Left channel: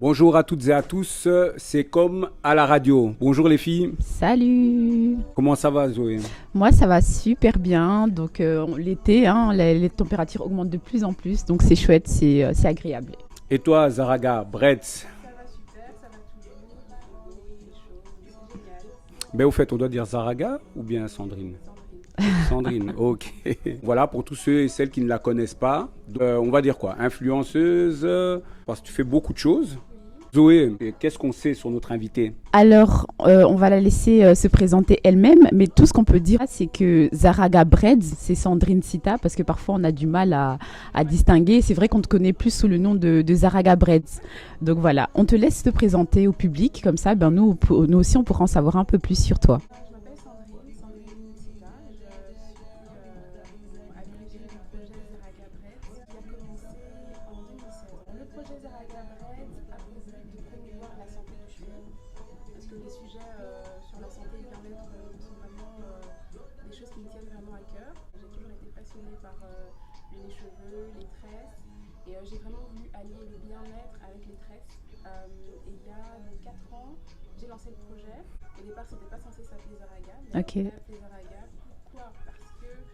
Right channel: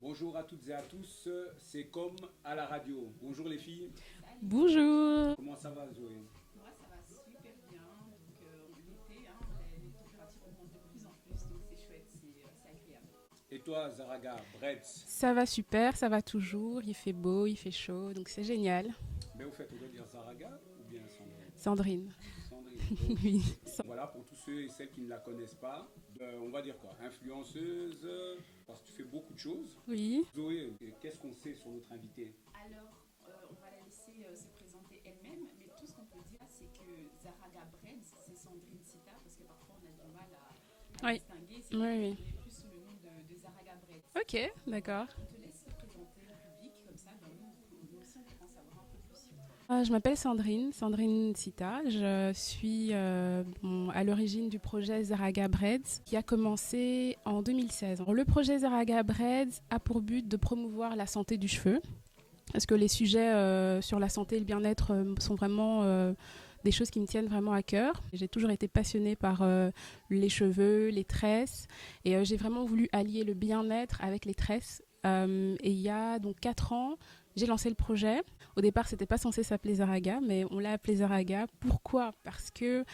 Bonjour à toutes et à tous, c'est comme à la radio. Bonjour les filles, Salut. Bonjour. comment ça va Zoé? Moi, ça va super bien. Donc, l'été, hein, les températures augmentent de plus en plus. Donc, c'est chouette, c'est agréable. Et toi Zaraga, Bretz? Ça va super, ça va toujours. Il fait beau, il fait chaud, donc c'est génial. Ben au fait, on doit dire Zaraga ou bien Sandrine? Sandrine. Sandrine, ok. Voilà, pour tous ceux et celles qui ne la connaissent pas, on va dire quoi? Influenceuse, parce que tu fais beaucoup de choses. Oui. Zoé, qu'est-ce qu'on sait sur notre invitée? Alors, on va la laisser se présenter elle-même. Mais tout ce qu'on peut dire, c'est que Zaraga Breads, c'est Sandrine Sita, parce que parfois, on a du mal à Ouais. distinguer. C'est vrai qu'on te Oui. connaît plus sous le nom de Zaraga Breads. Ok. Donc d'accord. voilà, on te laisse te présenter au public. Comme ça, nous aussi, on pourra en savoir un peu plus sur toi. Je m'appelle Sandrine Sita. Je suis à l'origine du projet Zaraga Breads qui a commencé en 2016. Alors, le projet Zaraga Breads a pour but de promouvoir la santé du cheveu. Parce que les sujets sur la santé et le bien-être sont vraiment des choses qui me tiennent vraiment à cœur. J'ai toujours été passionnée par les cheveux, les tresses. Et j'ai vraiment voulu allier le bien-être avec les tresses. Et il y a donc 4 ans, j'ai lancé le projet. Au départ, c'était pas censé s'appeler Zaraga, mais Ok. on l'a appelé Zaraga. Pourquoi ? Parce que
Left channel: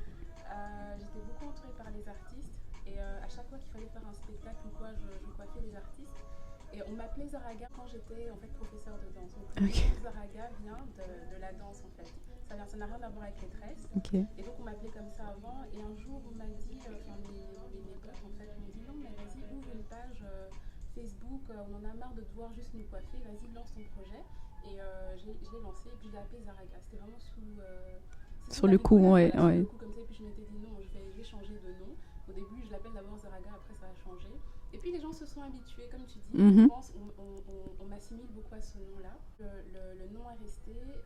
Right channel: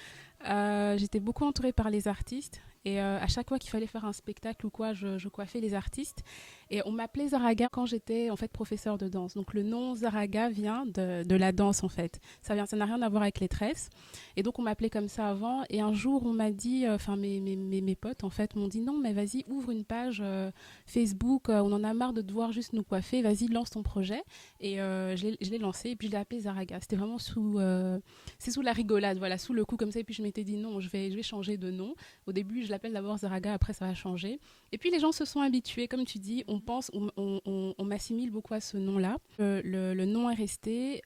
j'étais beaucoup entourée par les artistes. Et à chaque fois qu'il fallait faire un spectacle ou quoi, je coiffais les artistes. Et on m'appelait Zaraga quand j'étais en fait professeure de danse. Donc le nom Zaraga vient de la danse en fait. Ça n'a rien à voir avec les tresses. Ok. Et donc on m'appelait comme ça avant. Et un jour on m'a dit, mes potes en fait m'ont dit non mais vas-y ouvre une page Facebook. On en a marre de devoir juste nous coiffer. Vas-y lance ton projet. Et je l'ai lancé et puis je l'ai appelé Zaraga. C'était vraiment c'est sous Sur la le coup, rigolade, ouais, voilà, sous ouais. le coup comme ça. Et puis je m'étais dit non, je vais changer de nom. Au début je l'appelle d'abord Zaraga, après ça va changer. Et puis les gens se sont habitués, comme tu dis, Mhm. on m'assimile beaucoup à ce nom-là. Le nom est resté.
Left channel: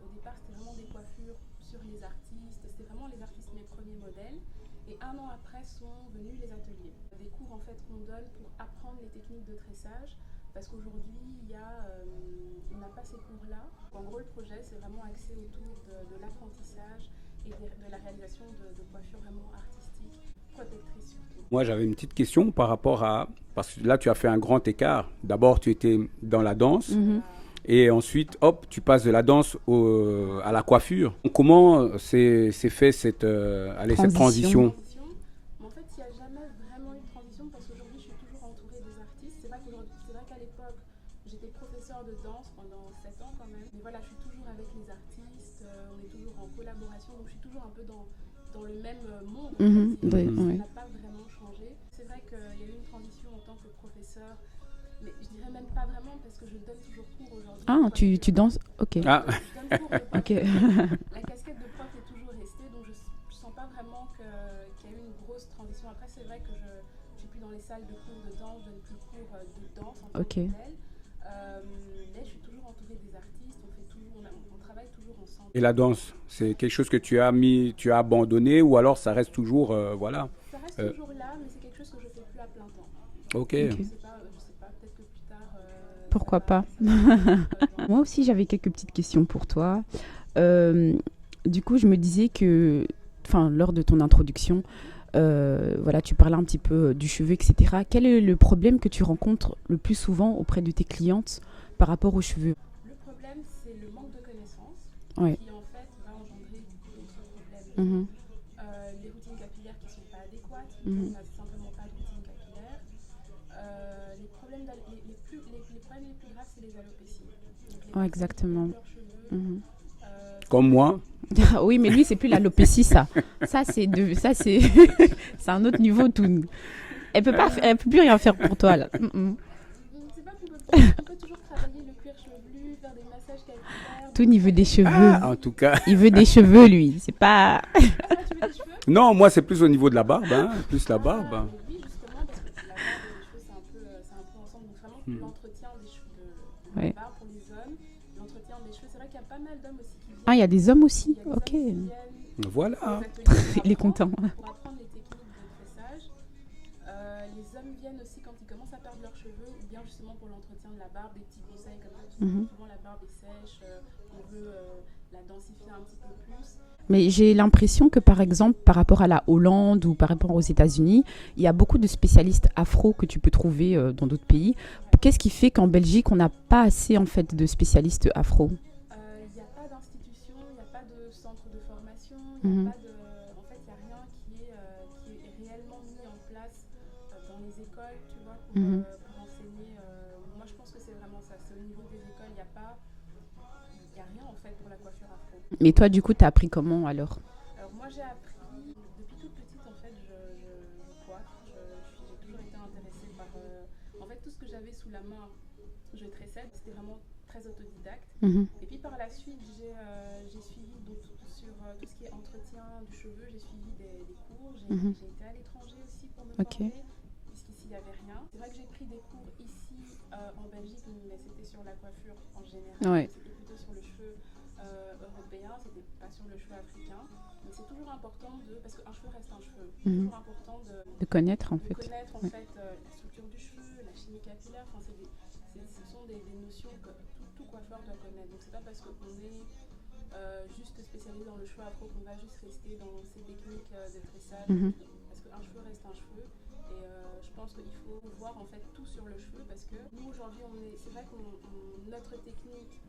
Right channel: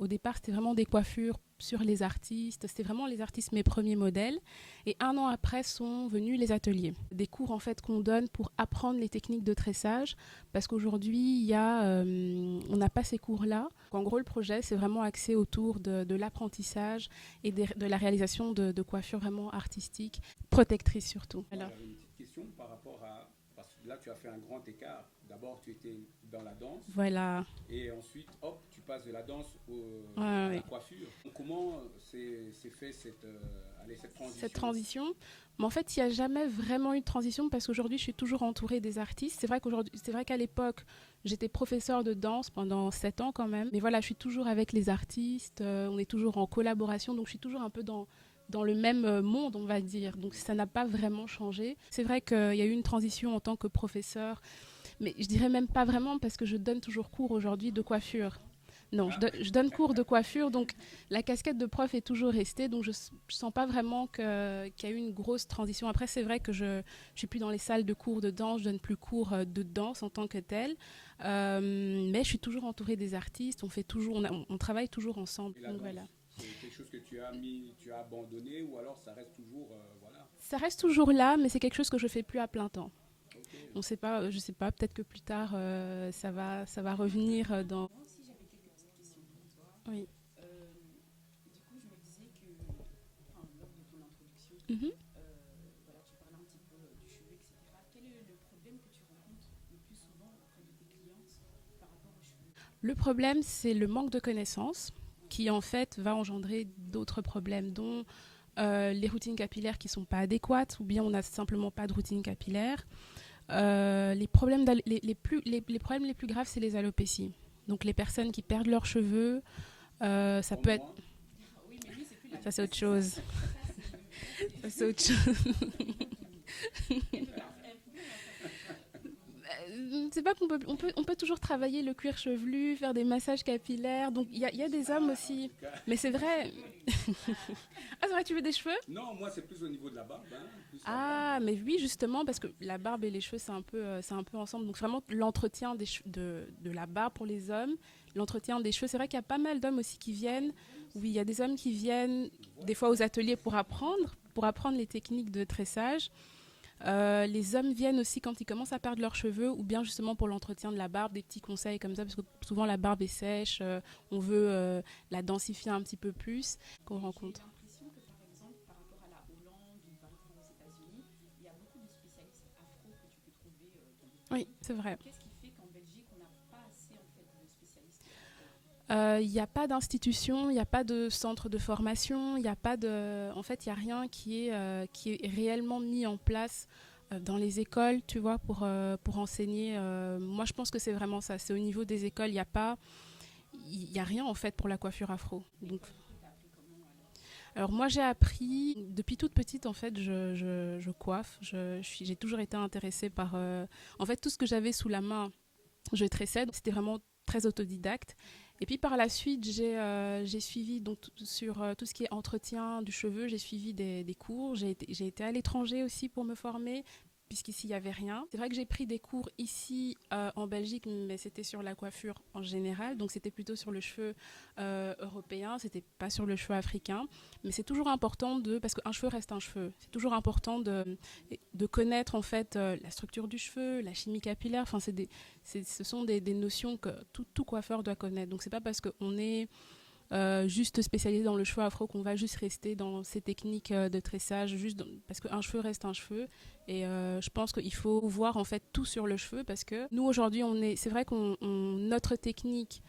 Au départ, c'était vraiment des coiffures sur les artistes. C'était vraiment les artistes mes premiers modèles. Et 1 an après sont venus les ateliers. Des cours en fait qu'on donne pour apprendre les techniques de tressage. Parce qu'aujourd'hui, on n'a pas ces cours-là. En gros, le projet, c'est vraiment axé autour de l'apprentissage et de la réalisation de coiffures vraiment artistiques, protectrices surtout. Moi j'avais une petite question par rapport à... Parce que là tu as fait un grand écart. D'abord tu étais dans la danse. Voilà. Et ensuite, hop, tu passes de la danse Ouais. à la coiffure. Comment s'est fait cette transition? Transition. Mais en fait, il n'y a jamais vraiment eu de transition parce qu'aujourd'hui, je suis toujours entourée des artistes. C'est vrai qu'à l'époque, j'étais professeure de danse pendant 7 ans quand même. Mais voilà, je suis toujours avec les artistes. On est toujours en collaboration. Donc, je suis toujours un peu dans le même monde, on va Mhm. dire. Oui, Donc, ça oui. n'a pas vraiment changé. C'est vrai qu'il y a eu une transition en tant que professeure. Mais je dirais même pas vraiment parce que je donne toujours cours aujourd'hui de Ah, coiffure. tu danses. Ok. Non, Ah. je donne cours de coiffure, donc la casquette de prof est toujours restée, donc je sens pas vraiment qu'il y a eu une grosse transition. Après, c'est vrai que je suis plus dans les salles de cours de danse, je donne plus cours de danse en tant Ok. que telle, mais je suis toujours entourée des artistes, on travaille toujours ensemble. Et la danse, c'est quelque chose que tu as abandonné ou alors ça reste toujours, voilà. Ça reste toujours là, mais c'est quelque chose que je fais plus à plein temps. Ok. Je sais pas, peut-être que plus tard, Pourquoi pas. ça va revenir dans... Moi aussi, j'avais quelques petites questions pour toi. Ouais. Du coup, je me disais que, lors de ton introduction, voilà, tu parlais un petit peu du cheveu, etc. Quel est le problème que tu rencontres le plus souvent auprès de tes clientes par rapport aux cheveux? Le problème, c'est le manque de connaissances Ouais. qui, en fait, va engendrer d'autres problèmes, dont les routines capillaires qui ne sont pas adéquates, ou bien on n'a simplement pas de routine capillaire. Les problèmes les problèmes les plus graves, c'est les alopécies. Donc les Ouais, personnes qui exactement. perdent leurs cheveux. Mhm. Ça Comme peut moi. Oui, mais lui, c'est plus l'alopécie, ça. Ça, c'est c'est un autre niveau. Tout. Elle peut plus rien faire pour toi là. C'est pas qu'on peut, on peut toujours travailler le cuir chevelu, faire des massages capillaires. Tout donc niveau il y a des cheveux. Ah, en tout cas. Il veut des cheveux, lui. C'est pas. Ah, c'est vrai, tu veux des cheveux? Non, moi c'est plus au niveau de la barbe, hein, plus la barbe. Ah, mais oui, justement, parce que la barbe et les cheveux, c'est un peu ensemble. Donc, vraiment, l'entretien de la Ouais. barbe pour les hommes, l'entretien des cheveux. C'est vrai qu'il y a pas mal d'hommes aussi qui viennent. Ah, il y a des hommes Oui, aussi. il y a des Ok. hommes qui viennent Voilà. des fois aux ateliers Il est content. pour apprendre les techniques de tressage. Les hommes viennent aussi quand ils commencent à perdre leurs cheveux ou bien justement pour l'entretien de la barbe, des petits conseils comme ça parce que souvent la barbe est sèche, on veut la densifier un petit peu plus. Mais j'ai l'impression que par exemple par rapport à la Hollande ou par rapport aux États-Unis, il y a beaucoup de spécialistes afro que tu peux trouver dans d'autres pays. Oui, c'est vrai. Qu'est-ce qui fait qu'en Belgique on n'a pas assez en fait de spécialistes afro? Il n'y a pas d'institution, il n'y a pas de centre de formation, il n'y a pas de... En fait, il n'y a rien qui est réellement mis en place dans les écoles, tu vois, pour enseigner. Moi, je pense que c'est vraiment ça. C'est au niveau des écoles, il n'y a rien, en fait, pour la coiffure afro. Mais toi, du coup, tu as appris comment, alors? Alors, moi, j'ai appris... Depuis toute petite, en fait, je coiffe. J'ai toujours été intéressée par... En fait, tout ce que j'avais sous la main, je tressais. C'était vraiment très autodidacte. Et puis par la suite, j'ai suivi donc sur tout ce qui est entretien du cheveu, j'ai suivi des cours. J'ai été à l'étranger aussi pour me former, puisqu'ici il n'y avait rien. C'est vrai que j'ai pris des cours ici en Belgique, mais c'était sur la coiffure en général. Donc c'était plutôt sur le cheveu européen, c'était pas sur le cheveu africain. Mais c'est toujours important parce qu'un cheveu reste un cheveu. C'est toujours important de connaître en fait la structure du cheveu, la chimie capillaire. Enfin, ce sont des notions que tout coiffeur doit connaître. Donc c'est pas parce qu'on est juste spécialisé dans le cheveu afro qu'on va juste rester dans ces techniques de tressage, parce qu'un cheveu reste un cheveu. Et je pense qu'il faut voir en fait tout sur le cheveu parce que nous aujourd'hui c'est vrai qu'on notre technique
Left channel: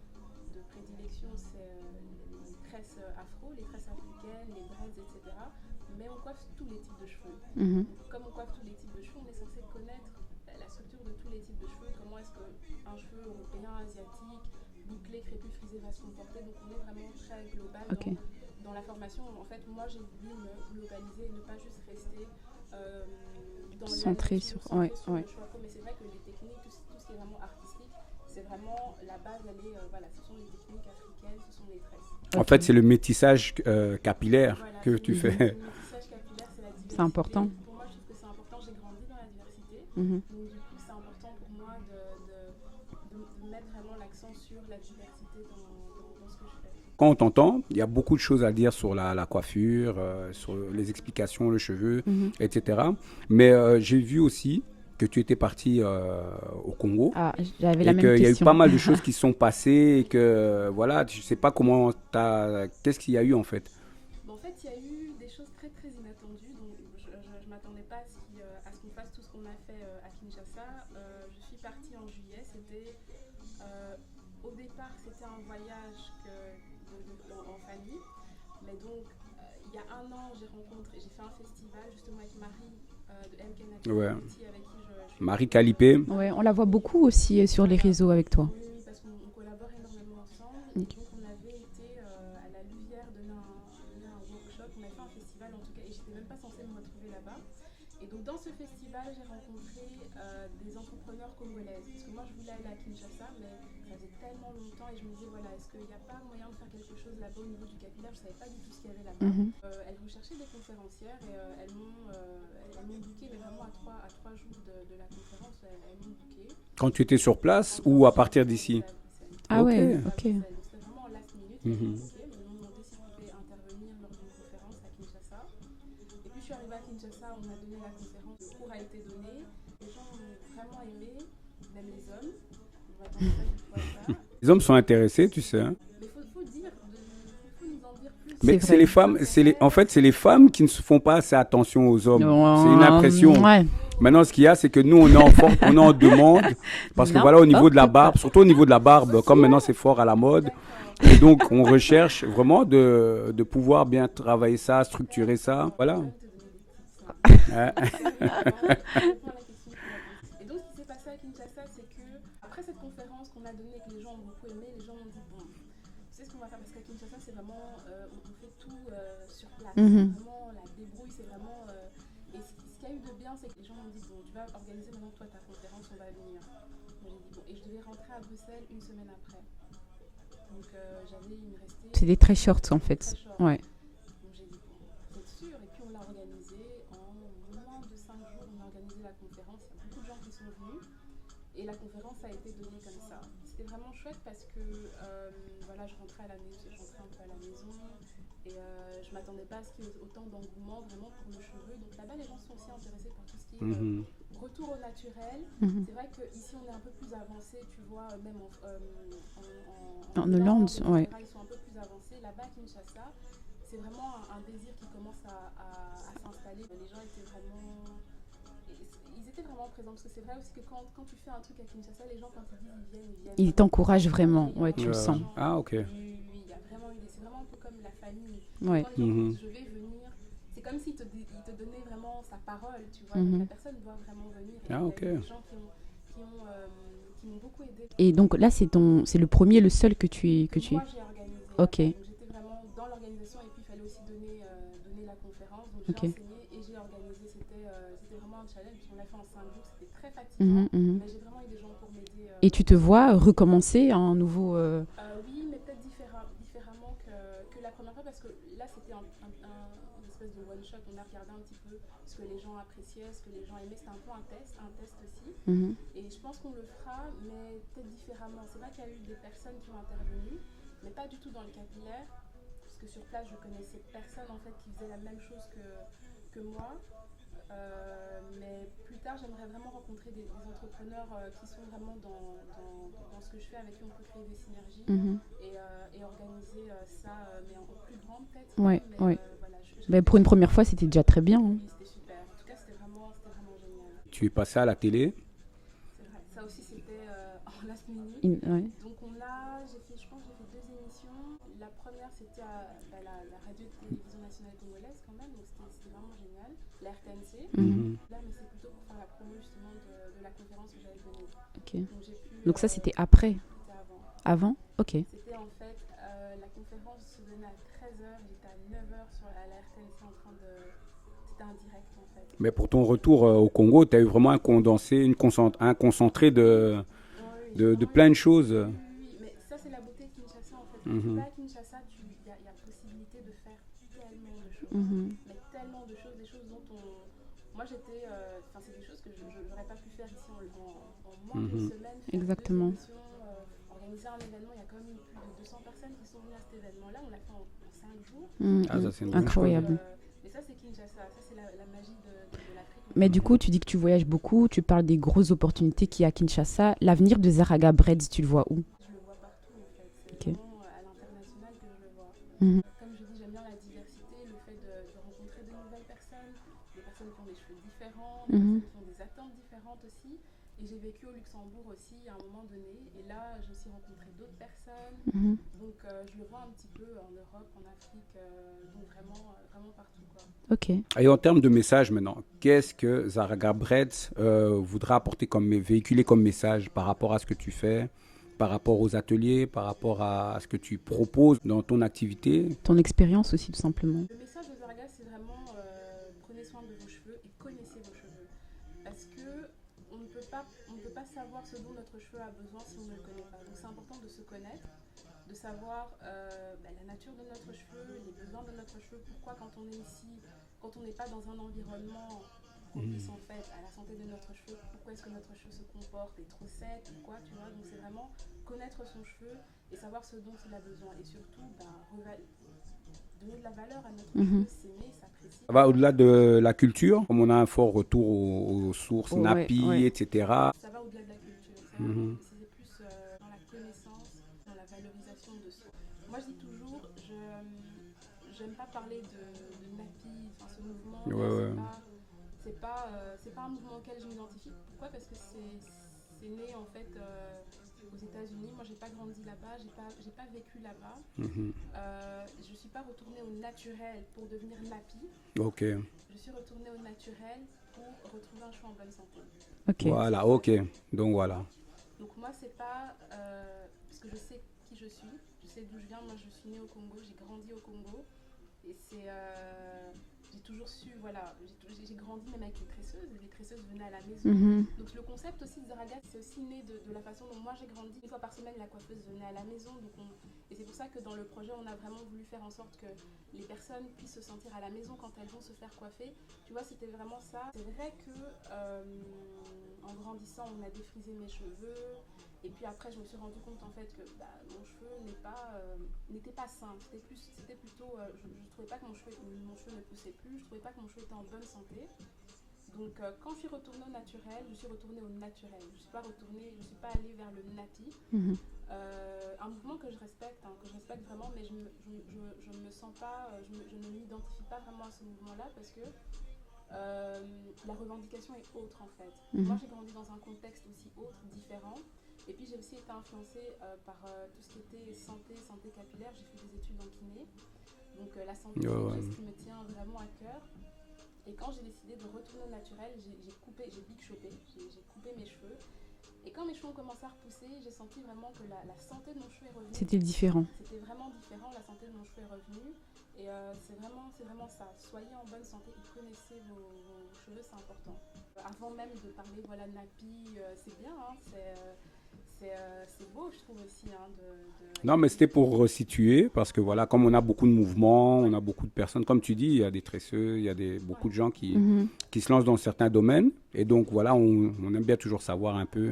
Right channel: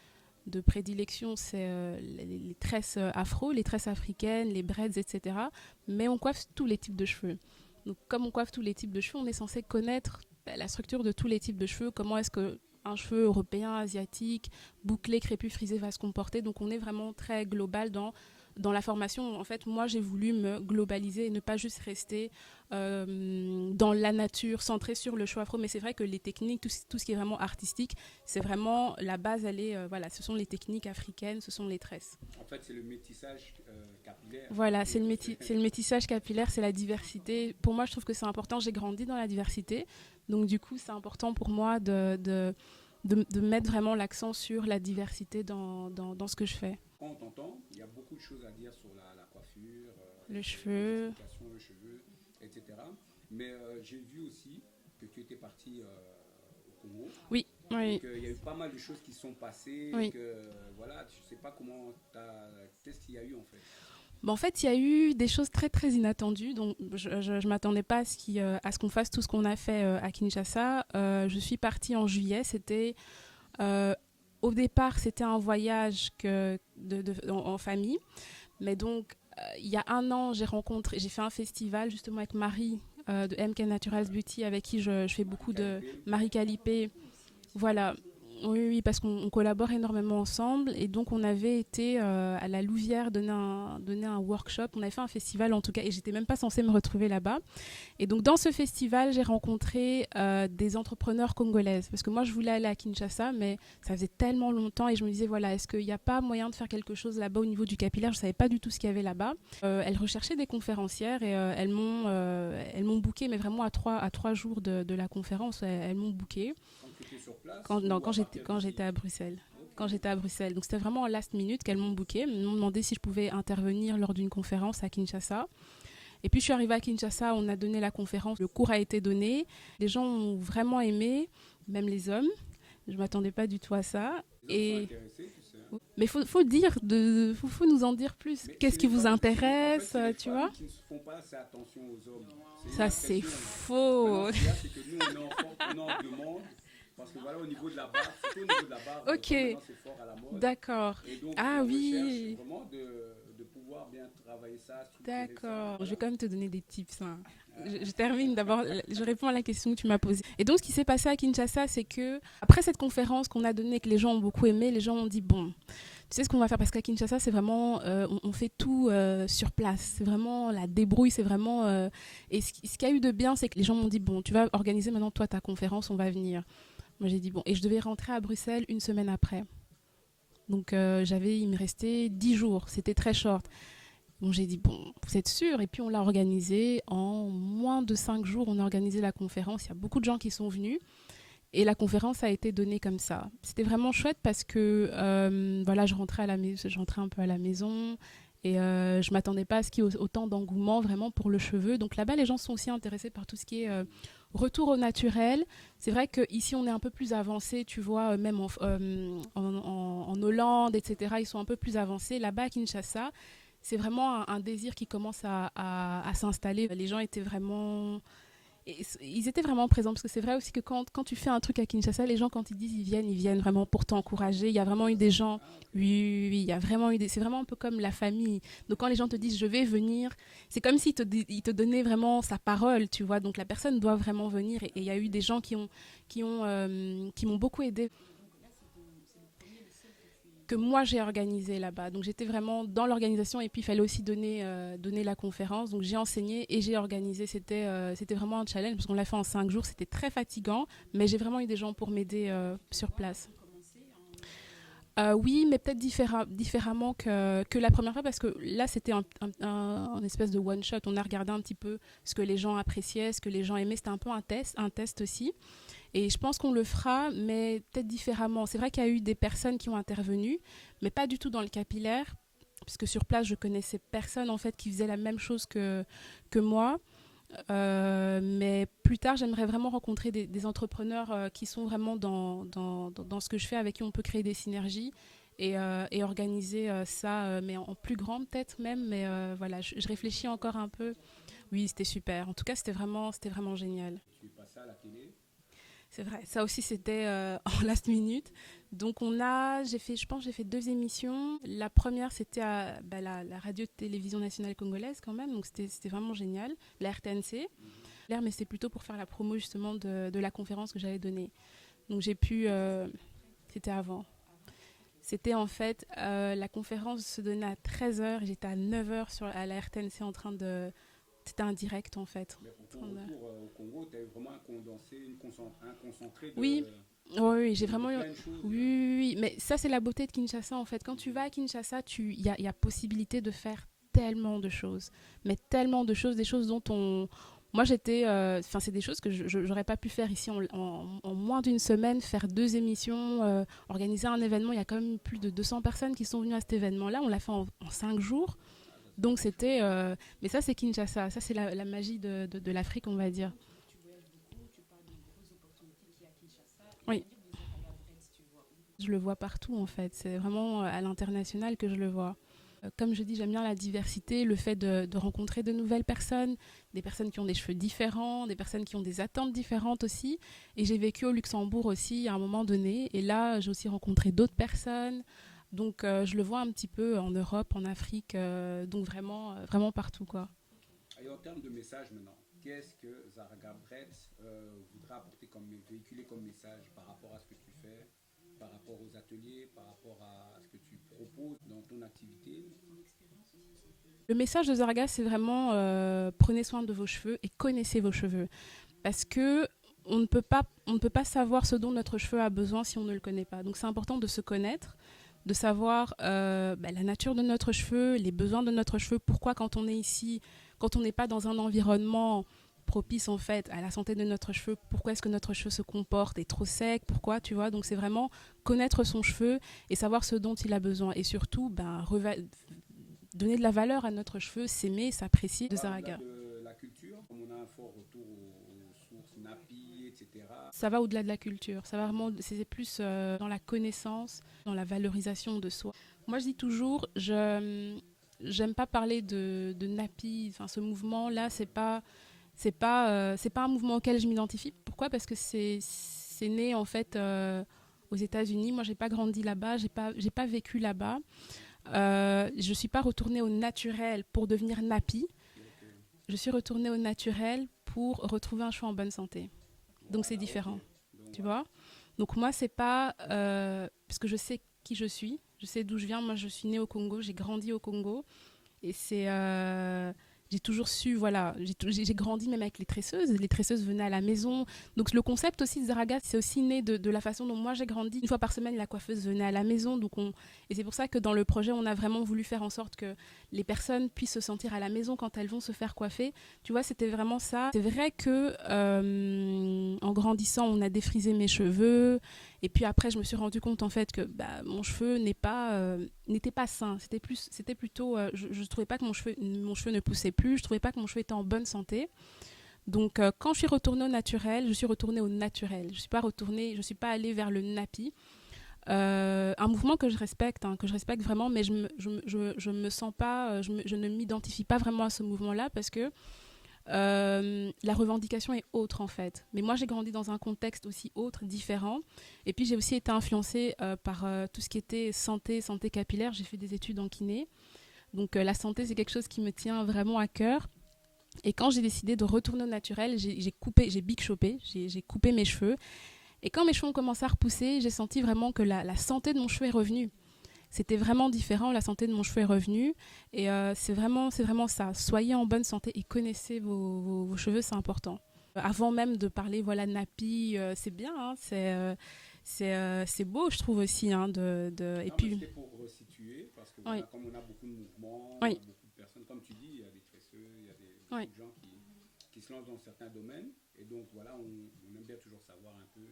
de prédilection, c'est les tresses afro, les tresses africaines, les braids, etc. Mais on coiffe tous les types de cheveux. Donc, comme on coiffe tous les types de cheveux, on est censé connaître la structure de tous les types de cheveux, comment est-ce qu'un cheveu européen, asiatique, bouclé, crépus, frisé va se comporter. Donc on est vraiment très global dans la formation. En fait, moi, j'ai voulu me globaliser et ne pas juste rester dans la nature, centré sur le cheveu afro. Mais c'est vrai que les techniques, tout ce qui est vraiment artistique, c'est vraiment la base, ce sont les techniques africaines, ce sont les tresses. En fait, c'est le métissage capillaire que tu fais. C'est le métissage capillaire, c'est la diversité. C'est important. Pour moi, je trouve que c'est important. J'ai grandi dans la diversité. Donc, du coup, c'est important pour moi de mettre vraiment l'accent sur la diversité dans ce que je fais. Quand on t'entend, il y a beaucoup de choses à dire sur la coiffure, sur les explications, le cheveu, etc. Mais j'ai vu aussi que tu étais partie au Congo. Oui, j'avais la même question. Il y a eu pas mal de choses qui se sont passées et que, voilà, je ne sais pas qu'est-ce qu'il y a eu en fait. En fait, il y a eu des choses très, très inattendues. Donc, je ne m'attendais pas à ce qu'on fasse tout ce qu'on a fait à Kinshasa. Je suis partie en juillet. Au départ, c'était un voyage en famille. Mais donc, il y a un an, j'ai fait un festival justement avec Marie de MK Natural Beauty, avec qui je fais Marie Calipé. On la voit beaucoup aussi sur les réseaux avec toi. Oui, parce qu'on collabore énormément ensemble. Et donc, on avait été à la Louvière donner un workshop. On avait fait un festival en tout cas, et j'étais même pas censée me retrouver là-bas. Et donc, dans ce festival, j'ai rencontré des entrepreneurs congolaises. Parce que moi, je voulais aller à Kinshasa, mais ça faisait tellement longtemps. Et je me disais, voilà, est-ce qu'il n'y a pas moyen de faire quelque chose là-bas au niveau du capillaire? Je ne savais pas du tout ce qu'il y avait là-bas. Elles recherchaient des conférencières et elles m'ont booké, mais vraiment à trois jours de la conférence, elles m'ont booké. Quand tu étais sur place ou à partir d'ici? Quand j'étais à Bruxelles. À Bruxelles. Donc, c'était vraiment en last minute qu'elles m'ont booké. Elles m'ont demandé si je pouvais intervenir lors d'une conférence à Kinshasa. Et puis, je suis arrivée à Kinshasa, on a donné la conférence, le cours a été donné. Les gens ont vraiment aimé, même les hommes. Je ne m'attendais pas du tout à ça. Les hommes sont intéressés, tu sais. Hein. Mais faut nous en dire plus. Mais c'est les femmes, en fait, c'est les femmes qui ne se font pas assez attention aux hommes. C'est une impression. Maintenant, ce qu'il y a, c'est que nous, on est en demande. Parce que voilà, au niveau de la barbe, surtout au niveau de la barbe, comme maintenant c'est fort à la mode. Et donc, on recherche vraiment de pouvoir bien travailler ça, structurer ça. Voilà. Je vais quand même te donner des tips. Je termine d'abord, je réponds à la question que tu m'as posée. Et donc, ce qui s'est passé à Kinshasa, c'est que après cette conférence qu'on a donnée, que les gens ont beaucoup aimé, les gens ont dit bon, tu sais ce qu'on va faire, parce qu'à Kinshasa c'est vraiment on fait tout sur place, c'est vraiment la débrouille, c'est vraiment et ce qu'il y a eu de bien, c'est que les gens m'ont dit bon, tu vas organiser maintenant toi ta conférence, on va venir. Moi j'ai dit bon, et je devais rentrer à Bruxelles une semaine après, donc il me restait c'était très jours. short en fait. C'était très short. Donc j'ai dit bon, vous êtes sûr? Et puis on l'a organisé en moins de 5 jours, on a organisé la conférence, il y a beaucoup de gens qui sont venus. Et la conférence a été donnée comme ça. C'était vraiment chouette parce que je rentrais un peu à la maison Et je ne m'attendais pas à ce qu'il y ait autant d'engouement vraiment pour le cheveu. Donc là-bas, les gens sont aussi intéressés par tout ce qui est retour au naturel. C'est vrai qu'ici, on est un peu plus avancé, tu vois, même en Hollande, etc. Ouais. Ils sont un peu plus avancés. Là-bas, à Kinshasa, c'est vraiment un désir qui commence à s'installer. Les gens étaient vraiment... Ils étaient vraiment présents, parce que c'est vrai aussi que quand tu fais un truc à Kinshasa, les gens, quand ils disent ils viennent ils t'encouragent vraiment. Il y a vraiment eu des gens. Oui, il y a vraiment eu c'est vraiment un peu comme la famille. Donc quand les gens te disent je vais venir, c'est comme s'ils te donnaient vraiment sa parole, tu vois. Donc la personne doit vraiment venir. Et il y a eu des gens qui m'ont beaucoup aidé. Et donc là, c'est le premier, le seul que moi j'ai organisé là-bas. Donc j'étais vraiment dans l'organisation, et puis il fallait aussi donner la conférence. Donc j'ai enseigné et j'ai organisé. C'était vraiment un challenge, parce qu'on l'a fait en 5 jours. C'était très fatigant, mais j'ai vraiment eu des gens pour m'aider. Et tu te vois recommencer un nouveau... Oui, mais peut-être différemment que la première fois, parce que là c'était un espèce de one shot. On a regardé un petit peu ce que les gens appréciaient, ce que les gens aimaient. C'était un peu un test aussi. Et je pense qu'on le fera, mais peut-être différemment. C'est vrai qu'il y a eu des personnes qui ont intervenu, mais pas du tout dans le capillaire, puisque sur place, je connaissais personne en fait qui faisait la même chose que moi. Mais plus tard, j'aimerais vraiment rencontrer des entrepreneurs qui sont vraiment dans ce que je fais, avec qui on peut créer des synergies et organiser ça, mais en plus grand peut-être même. Mais voilà, je pour une première fois, c'était déjà très bien. Oui, c'était super. En tout cas, c'était vraiment génial. Tu es passé à la télé? C'est vrai, ça aussi c'était en last minute. Donc je pense que j'ai fait 2 émissions. La première c'était à la radio-télévision nationale congolaise quand même, donc c'était vraiment génial, la RTNC. Mais c'est plutôt pour faire la promo justement de la conférence que j'allais donner. Donc j'ai pu... Donc ça c'était après? C'était avant. Avant? Ok. C'était en fait, la conférence se donnait à 13h et j'étais à 9h à la RTNC en train de... C'était un direct en fait. Mais pour ton retour au Congo, tu as eu vraiment un condensé, un concentré de plein de choses. Oui, mais ça c'est la beauté de Kinshasa en fait. Quand tu vas à Kinshasa, il y a possibilité de faire tellement de choses. Mais tellement de choses, des choses dont moi j'étais... c'est des choses que je n'aurais pas pu faire ici en moins d'une semaine, faire 2 émissions, organiser un événement. Il y a quand même plus de 200 personnes qui sont venues à cet événement-là. On l'a fait en 5 jours. Donc c'était... mais ça c'est Kinshasa, ça c'est la magie de l'Afrique. Mais du coup, tu dis que tu voyages beaucoup, tu parles des grosses opportunités qu'il y a à Kinshasa. L'avenir de Zaraga Breads, tu le vois où? Je le vois partout en fait. C'est vraiment à l'international que je le vois. Comme je dis, j'aime bien la diversité, le fait de rencontrer de nouvelles personnes, des personnes qui ont des cheveux différents, des personnes qui ont des attentes différentes aussi. Et j'ai vécu au Luxembourg aussi à un moment donné. Et là, j'ai aussi rencontré d'autres personnes. Donc, je le vois un petit peu en Europe, en Afrique, donc vraiment partout, quoi. Ok. Et en termes de message maintenant, qu'est-ce que Zaraga Breads voudra apporter véhiculer comme message par rapport à ce que tu fais, par rapport aux ateliers, par rapport à ce que tu proposes dans ton activité? Ton expérience aussi, tout simplement. Le message de Zaraga, c'est vraiment prenez soin de vos cheveux et connaissez vos cheveux. Parce que on ne peut pas savoir ce dont notre cheveu a besoin si on ne le connaît pas. Donc c'est important de se connaître, de savoir la nature de notre cheveu, les besoins de notre cheveu, pourquoi quand on est ici, quand on n'est pas dans un environnement propice en fait à la santé de notre cheveu, pourquoi est-ce que notre cheveu se comporte, est trop sec, pourquoi, tu vois. Donc c'est vraiment connaître son cheveu et savoir ce dont il a besoin, et surtout donner de la valeur à notre cheveu, s'aimer, s'apprécier. Ça va au-delà de la culture, comme on a un fort retour aux sources, nappies, etc. Ça va au-delà de la culture, ça va vraiment, c'est plus dans la connaissance, dans la valorisation de soi. Moi je dis toujours, j'aime pas parler de nappy, enfin ce mouvement-là, c'est pas un mouvement auquel je m'identifie. Pourquoi? Parce que c'est né en fait aux États-Unis. Moi, j'ai pas grandi là-bas, j'ai pas vécu là-bas. Je suis pas retournée au naturel pour devenir nappy. Je suis retournée au naturel pour retrouver un cheveu en bonne santé. Voilà, donc voilà. Donc moi, c'est pas parce que je sais qui je suis, je sais d'où je viens. Moi, je suis née au Congo, j'ai grandi au Congo, et c'est j'ai toujours su, voilà, j'ai grandi même avec les tresseuses venaient à la maison. Donc le concept aussi de Zaraga, c'est aussi né de la façon dont moi j'ai grandi. 1 fois par semaine, la coiffeuse venait à la maison, et c'est pour ça que dans le projet, on a vraiment voulu faire en sorte que les personnes puissent se sentir à la maison quand elles vont se faire coiffer. Tu vois, c'était vraiment ça. C'est vrai que en grandissant, on a défrisé mes cheveux, Et puis après, je me suis rendu compte en fait que mon cheveu n'était pas sain. C'était plutôt, je trouvais pas que mon cheveu ne poussait plus. Je trouvais pas que mon cheveu était en bonne santé. Donc, quand je suis retournée au naturel, je suis retournée au naturel. Je suis pas allée vers le nappy. Un mouvement que je respecte vraiment, mais je me sens pas, je ne m'identifie pas vraiment à ce mouvement-là parce que la revendication est autre en fait. Mais moi, j'ai grandi dans un contexte aussi autre, différent. Et puis, j'ai aussi été influencée par tout ce qui était santé capillaire. J'ai fait des études en kiné. Donc, la santé, c'est quelque chose qui me tient vraiment à cœur. Et quand j'ai décidé de retourner au naturel, j'ai big chopé, j'ai coupé mes cheveux. Et quand mes cheveux ont commencé à repousser, j'ai senti vraiment que la santé de mon cheveu est revenue. C'était différent. C'était vraiment différent, la santé de mon cheveu est revenue. Et c'est vraiment ça. Soyez en bonne santé et connaissez vos cheveux, c'est important. Avant même de parler, nappy, c'est bien, hein, c'est beau, je trouve aussi. Hein, non, mais c'était pour resituer, parce que comme on a beaucoup de mouvements, on a beaucoup de personnes, comme tu dis, il y a des tresseux, il y a beaucoup de gens qui se lancent dans certains domaines. Et donc, on aime bien toujours savoir un peu,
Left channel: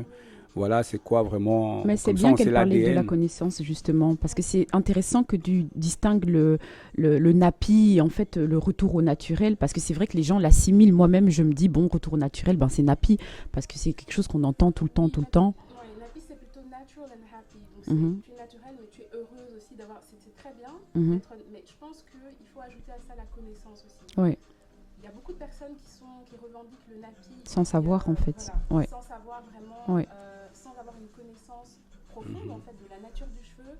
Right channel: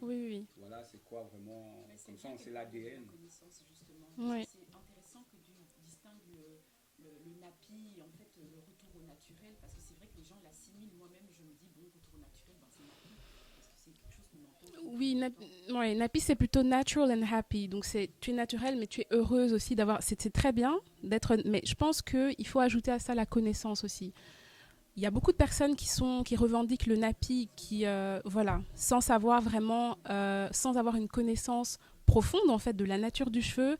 c'est quoi vraiment. Mais c'est bien qu'elle parlait de la connaissance, justement, parce que c'est intéressant que tu distingues le nappy, en fait, le retour au naturel, parce que c'est vrai que les gens l'assimilent. Moi-même, je me dis, retour au naturel, c'est nappy, parce que c'est quelque chose qu'on entend tout le temps. Oui, nappy, c'est plutôt natural and happy. Donc, tu es naturelle, mais tu es heureuse aussi d'avoir. C'est très bien d'être. Mais je pense qu'il faut ajouter à ça la connaissance aussi. Oui. Il y a beaucoup de personnes qui revendiquent le nappy. Sans savoir, en fait. Sans savoir vraiment, sans avoir une connaissance profonde, en fait, de la nature du cheveu.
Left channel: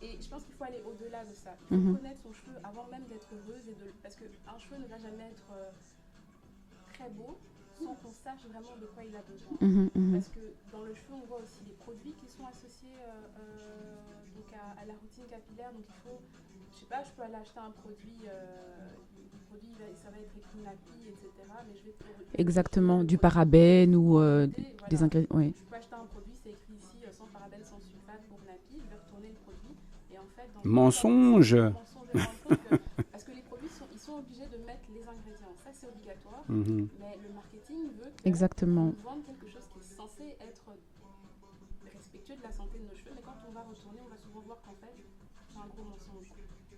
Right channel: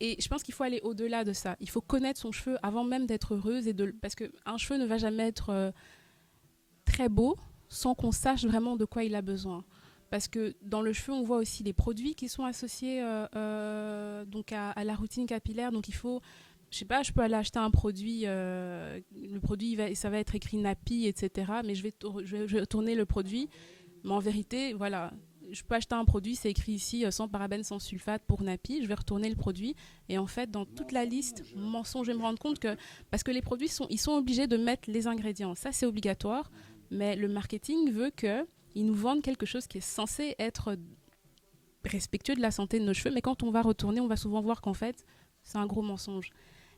Et je pense qu'il faut aller au-delà de ça. Il faut connaître son cheveu avant même d'être heureuse. Parce qu'un cheveu ne va jamais être très beau sans qu'on sache vraiment de quoi il a besoin. Parce que dans le cheveu, on voit aussi les produits qui sont associés donc à la routine capillaire. Donc il faut... Je sais pas, je peux aller acheter un produit, le produit, ça va être écrit nappy, etc. Mais je vais retourner le du produit. parabène ou... En vérité, je peux acheter un produit, c'est écrit ici, sans parabène, sans sulfate, pour nappy. Je vais retourner le produit. Et en fait, dans toute la liste, je vais me rendre compte que... Parce que les produits, ils sont obligés de mettre les ingrédients. Ça, c'est obligatoire. Mais le marketing veut qu'ils nous vendent quelque chose qui est censé être respectueux de la santé de nos cheveux. Mais quand on va retourner, on va souvent voir qu'en fait, c'est un gros mensonge.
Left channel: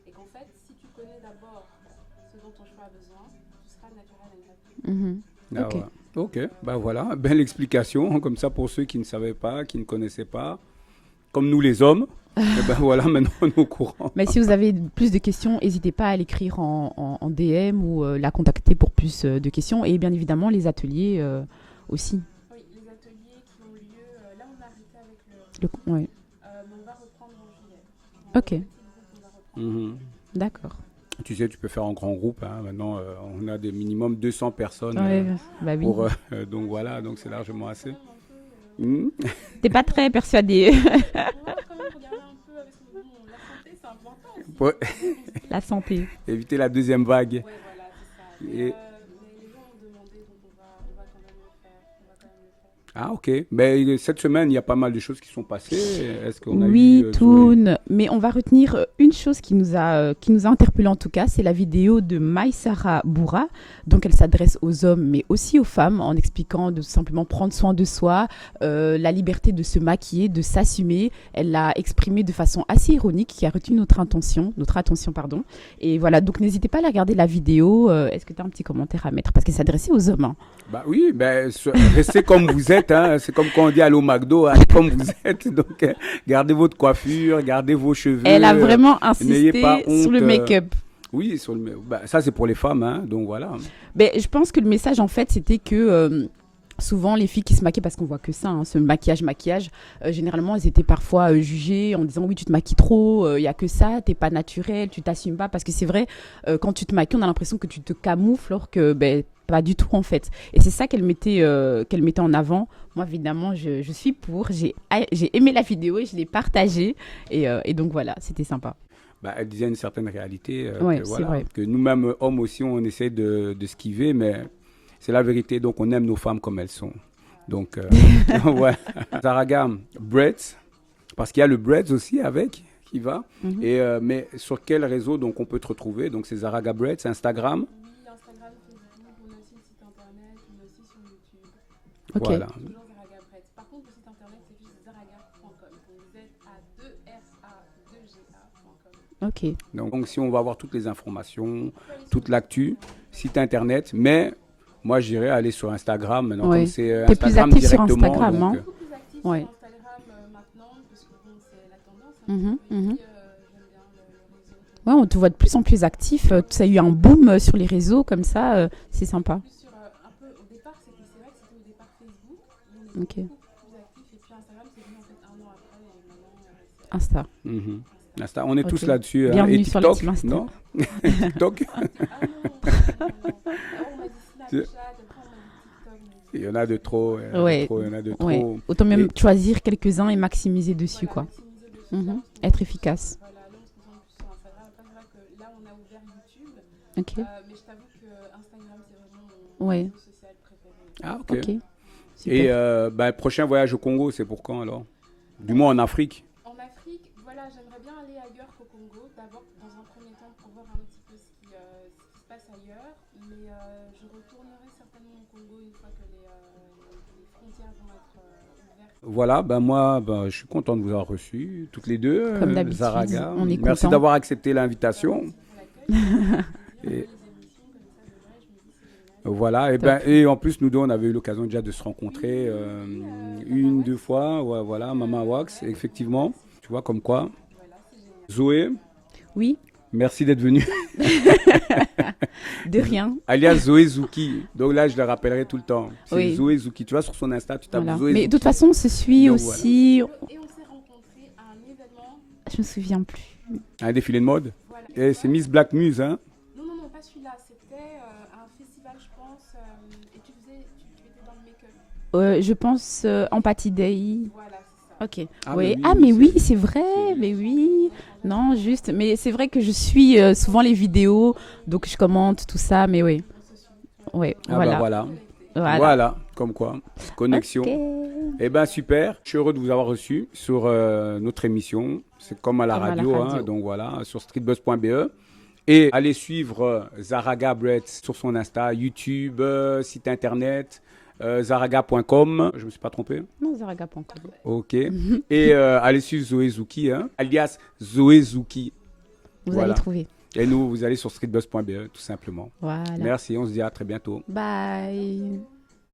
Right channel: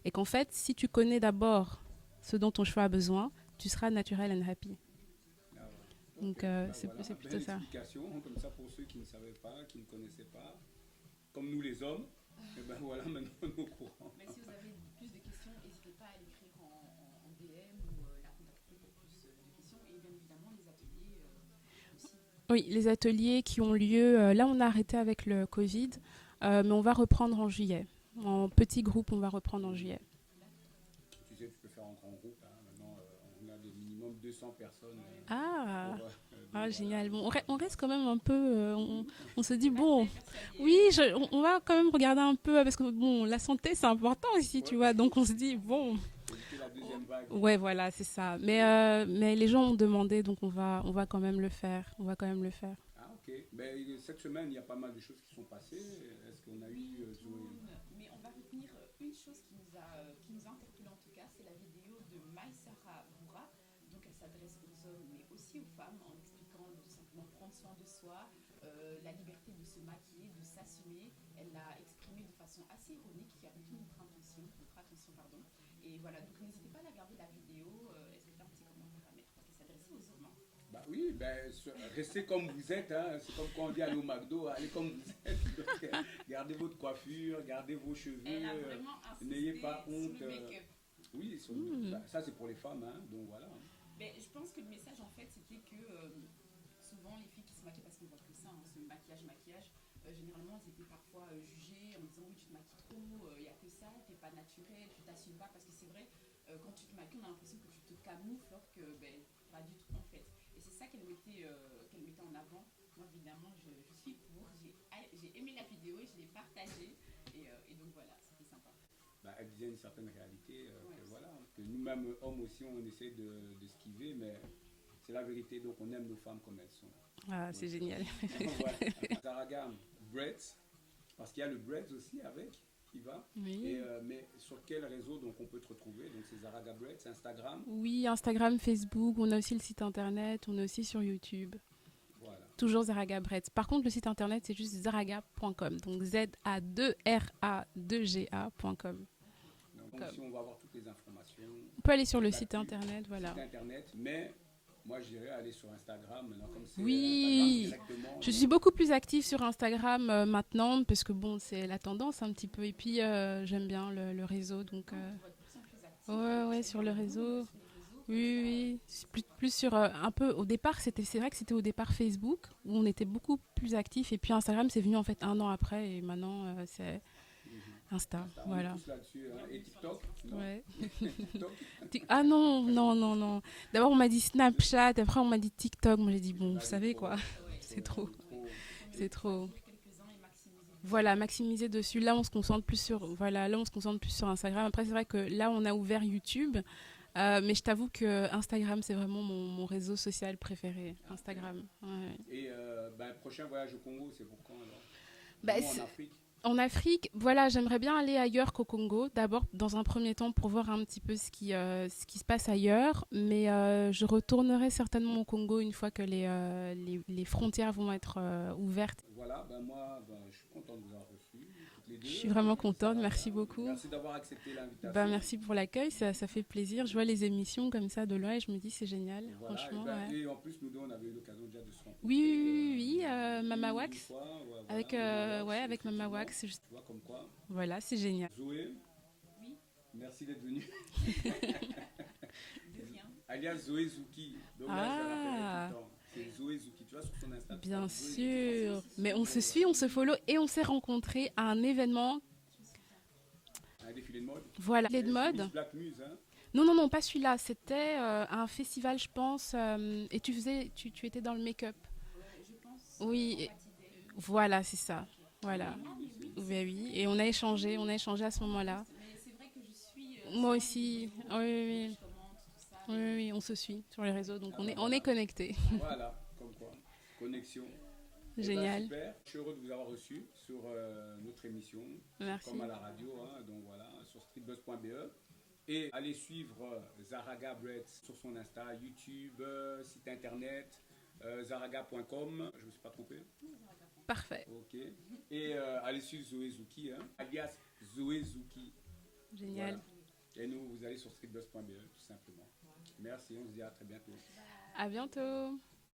Et qu'en fait, si tu connais d'abord ce dont ton cheveu a besoin, tu seras naturel and happy. Ok, voilà, belle explication. Comme ça, pour ceux qui ne savaient pas, qui ne connaissaient pas, comme nous les hommes, maintenant on est au courant. Mais si vous avez plus de questions, n'hésitez pas à l'écrire en DM ou la contacter pour plus de questions. Et bien évidemment, les ateliers aussi. Oui, les ateliers qui ont lieu... là, on a arrêté avec le Covid, mais on va reprendre en juillet. En petit groupe, on va reprendre en juillet. D'accord. Tu sais, tu peux faire en grand groupe. Hein. Maintenant, on a des minimum 200 personnes. Donc c'est largement assez. Quand même un peu... on se dit, t'es pas très persuadée. On va quand même regarder un peu, parce que la santé, c'est important aussi, tu vois. Donc on se dit... La santé. Éviter la deuxième vague. Ouais, voilà, c'est ça. Mais les gens ont demandé, donc on va quand même le faire. Ah, ok. Mais cette semaine, il y a pas mal de choses qui sont passées. Est-ce qu'on a Toon. Mais on va retenir une chose qui nous a interpellé en tout cas, c'est la vidéo de Maïsara Boura. Donc elle s'adresse aux hommes, mais aussi aux femmes, en expliquant de simplement prendre soin de soi, la liberté de se maquiller, de s'assumer. Elle l'a exprimé de façon assez ironique, qui a retenu notre attention. Et voilà, donc n'hésitez pas à regarder la vidéo. Est-ce que tu as un petit commentaire à mettre? Parce qu'elle s'adressait aux hommes. Hein. Oui, restez comme vous êtes. Hein. C'est comme quand on dit allô McDo, comme vous êtes. Donc gardez votre coiffure, gardez vos cheveux. Elle a vraiment insisté sur le make-up. Oui, ça c'est pour les femmes, hein, donc voilà. Je pense que le message en fait c'était que souvent les filles qui se maquillent, parce qu'on voit que ça, hein, ce maquillage, généralement elles étaient parfois jugées en disant oui tu te maquilles trop, il y a que ça, t'es pas naturelle, tu t'assumes pas, parce que c'est vrai quand tu te maquilles on a l'impression que tu te camoufles alors que pas du tout en fait. Et c'est ça qu'elle mettait en avant. Moi évidemment je suis pour, j'ai aimé la vidéo et je l'ai partagée et donc voilà, c'était sympa. Elle disait une certaine réalité vrai. Que nous-mêmes, hommes aussi, on essaie de esquiver, mais c'est la vérité. Donc, on aime nos femmes comme elles sont. Donc, Zaraga, Braids, parce qu'il y a le Braids aussi avec, qui va. Mais sur quel réseau donc, on peut te retrouver? Donc, c'est Zaraga Braids, Instagram? Oui, Instagram, Facebook. On a aussi le site internet. On est aussi sur YouTube. Ok. Voilà. Toujours Zaraga Breads. Par contre, le site internet, c'est juste zaraga.com. Donc ZA2RA2GA.com. Ok. Donc, si on va avoir toutes les informations, On peut aller sur toute le l'actu, site internet. Voilà. site internet, mais moi, je dirais aller sur Instagram maintenant, Ouais. comme c'est T'es plus Instagram actif sur directement. Instagram, Je suis hein. beaucoup plus active Ouais. sur Instagram maintenant parce que bon, c'est la tendance un Mhm, petit peu. Et mhm. puis, j'aime bien le réseau. Donc, Ouais, on te voit de plus en plus actif. Ouais, Ça a eu sur un les boom réseaux. sur les réseaux comme oui, ça. oui, C'est sympa. Plus sur un peu au départ, c'est vrai que c'était au départ Facebook où on était Ok. beaucoup plus actif. Et puis Instagram, c'est venu en fait 1 an après. Et maintenant, c'est Insta. Mhm. Insta. Insta, on est tous Ok. là-dessus. Bienvenue Et sur le TikTok, team Insta. non? Ouais. TikTok. Ah non. D'abord, on m'a dit Snapchat, après, on m'a dit TikTok. Moi, j'ai dit, Il y bon, en a vous de savez, trop. quoi. Il y en a de Ouais. trop, il y en a de Ouais. trop. Autant même Et- choisir quelques-uns et maximiser dessus. Voilà, quoi. maximiser dessus. Mhm. Là, on se Être concentre plus efficace. sur, voilà, là, on se concentre plus sur Instagram. Après, c'est vrai que là, on a ouvert YouTube. Ok. Mais je t'avoue que Instagram, c'est vraiment mon Ouais. réseau social préféré. Ah, ok. Ok. Ouais. Super. Et prochain voyage au Congo, c'est pour quand alors? Bah, Du moins en c'est- Afrique. En Afrique, voilà, j'aimerais bien aller ailleurs qu'au Congo. D'abord, dans un premier temps, pour voir un petit peu ce qui se passe ailleurs. Mais je retournerai certainement au Congo une fois que les frontières vont être ouvertes. Voilà, moi, je suis content de vous avoir reçus, toutes les deux. Comme d'habitude, Zaraga. on est Merci content. d'avoir accepté Bah, l'invitation. merci pour l'accueil, ça fait plaisir. Je vois les émissions comme ça de loin et je me dis c'est génial. Voilà, et en plus, nous deux, on avait eu l'occasion déjà de se rencontrer Oui, une Mama ou Wax. deux fois. Ouais, voilà, Avec, Mama Wax, ouais, avec effectivement. Mama Wax, Tu vois, comme quoi. Voilà, c'est génial. Zoé, Oui, merci d'être venue. de rien. Alias Zoé Zouki. Donc là, je le rappellerai tout le temps. C'est Oui. Zoé Zouki. Tu vois, sur son Insta, tu tapes Voilà. Zoé Mais Zouki. de toute façon, on se suit Mais on- aussi. On se follow et on s'est rencontrés à un événement. Je me souviens plus. Un défilé de mode. Voilà. Et c'est Miss Black Muse, hein. Non, pas celui-là. C'était un festival, je pense. Et tu étais dans le make-up. Je pense Oui. Empathy Day. Voilà, c'est ça. Ok. Ah, Oui. oui, Ah, oui, mais c'est oui, vrai. c'est Et vrai. on a mais échangé, oui. on a échangé à ce Non, moment-là. juste. Mais c'est vrai que je suis Moi souvent les aussi. vidéos, Oui, donc oui. je commente tout ça. Mais oui. On se suit sur les Ouais, réseaux. donc voilà. voilà. On est connectés. Voilà, comme quoi. Connexion. Ok. Eh bien, Génial. super. Je suis heureux de vous avoir reçu sur notre émission. C'est Merci. comme à la Comme à la radio, radio. hein, donc voilà, sur streetbuzz.be. Et allez suivre Zaraga Breads sur son Insta, YouTube, site internet, zaraga.com. Je ne me suis pas trompé? Non, Zaraga.com. Parfait. Ok. Et allez suivre Zoé Zouki, hein, alias Zoé Zouki. Vous Voilà. allez trouver. Et nous, vous allez sur streetbuzz.be, tout simplement. Voilà. Merci, on se dit à très bientôt. À Bye. bientôt.